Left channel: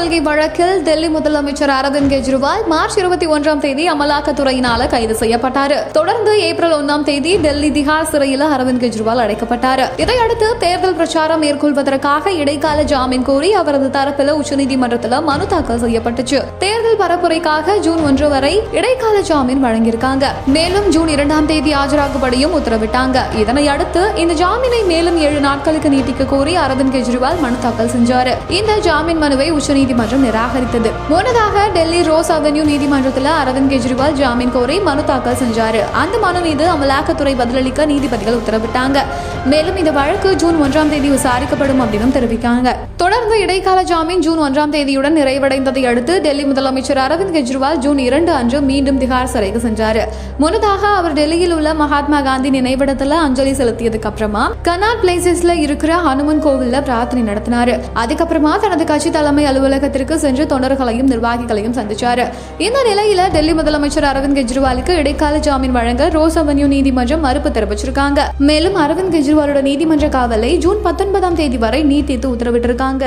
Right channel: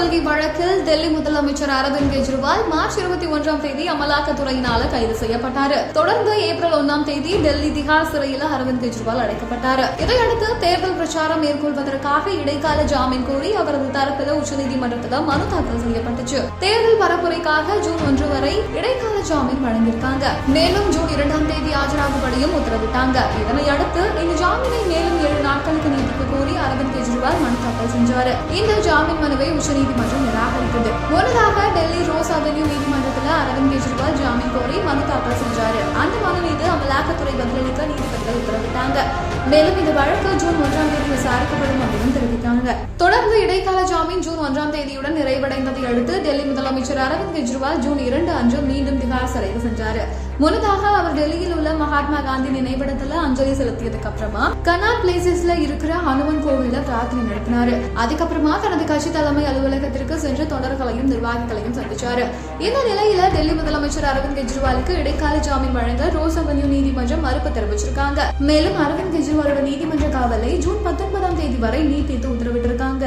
கொள்கை வழக்கில் டெல்லி முதலமைச்சர் அரவிந்த் கெஜ்ரிவால் மார்ச் இருபத்தி ஒன்றாம் தேதி அமலாக்கத்துறையினால கைது செய்யப்பட்டார். தொடர்ந்து ஏப்ரல் ஒன்றாம் தேதி டெல்லி திஹார் சிறையில் அரவிந்த் கெஜ்ரிவால் அடைக்கப்பட்டார். இதையடுத்து தேர்தல் பிரச்சாரம் மேற்கொள்வதற்காக இடைக்கால ஜாமீன் கோரி அவரது தரப்பில் உச்சநீதிமன்றத்தில் மனு தாக்கல் செய்யப்பட்டுச்சு. தேர்தல் பரப்புரைக்காக ஜூன் ஒன்று வரை இடைக்கால ஜாமீன் வழங்கியிருக்காங்க. மேலும் ஜூன் இரண்டாம் தேதி ஆஜராகும்படியும் உத்தரவிட்டாங்க. இதனை அடுத்து இந்த ஜாமீனை மேலும் ஏழு நாட்களுக்கு நீட்டிக்க கோரி அரவிந்த் கெஜ்ரிவால் மனு தாக்கல் செஞ்சார். இந்த ஜாமீன் மனுவை உச்சநீதி நீதிமன்றம் நிராகரித்தது. முன்னதாக டெல்லி ரோஸ் அவென்யூ நீதிமன்றத்தில் அரவிந்த் கெஜ்ரிவால் ஜாமீன் கோரி மனு தாக்கல் செஞ்சாரு. அந்த மனு மீது அமலாக்கத்துறை பதிலளிக்க நீதிபதிகள் உத்தரவிட்டாங்க. மேலும் இந்த வழக்கு ஜூன் ஒன்றாம் தேதி விசாரிக்கப்படும் அப்படின்னு தெரிவிக்காங்க. தொடர்ந்து இடைக்கால ஜாமீன் ஜூன் ஒன்றாம் தேதியுடன் நிறைவடைந்ததை அடுத்து டெல்லி முதலமைச்சர் அரவிந்த் கெஜ்ரிவால் ஜூன் இரண்டு அன்று மீண்டும் திகார் சிறைக்கு சென்றாரு. முன்னதாக அவர் டெல்லியில் உள்ள மகாத்மா காந்தி நினைவிடத்துல அஞ்சலி செலுத்தியதுக்கு அப்புறமா கனா பிளேசஸ்ல இருக்கிற ஹனுமன் கோவில்ல பிரார்த்தனை நடத்தினாரு. அதுக்கப்புறமா தனது கட்சி தலைமை அலுவலக அலுவலகத்திற்கு சென்று தொண்டர்களையும் நிர்வாகிகளையும் சந்திச்சாரு. இந்த நிலையில டெல்லி முதலமைச்சர் அரவிந்த் கெஜ்ரிவாலுக்கு இடைக்கால ஜாமீன் வழங்க ரோஸ் அவென்யூ நீதிமன்றம் மறுப்பு தெரிவிச்சிருக்காங்க. மேலும் அரவிந்த் கெஜ்ரிவாலோட நீதிமன்ற காவலை ஜூன் பத்தொன்பதாம் தேதி வரை நீட்டித்து உத்தரவிட்டிருக்காங்க.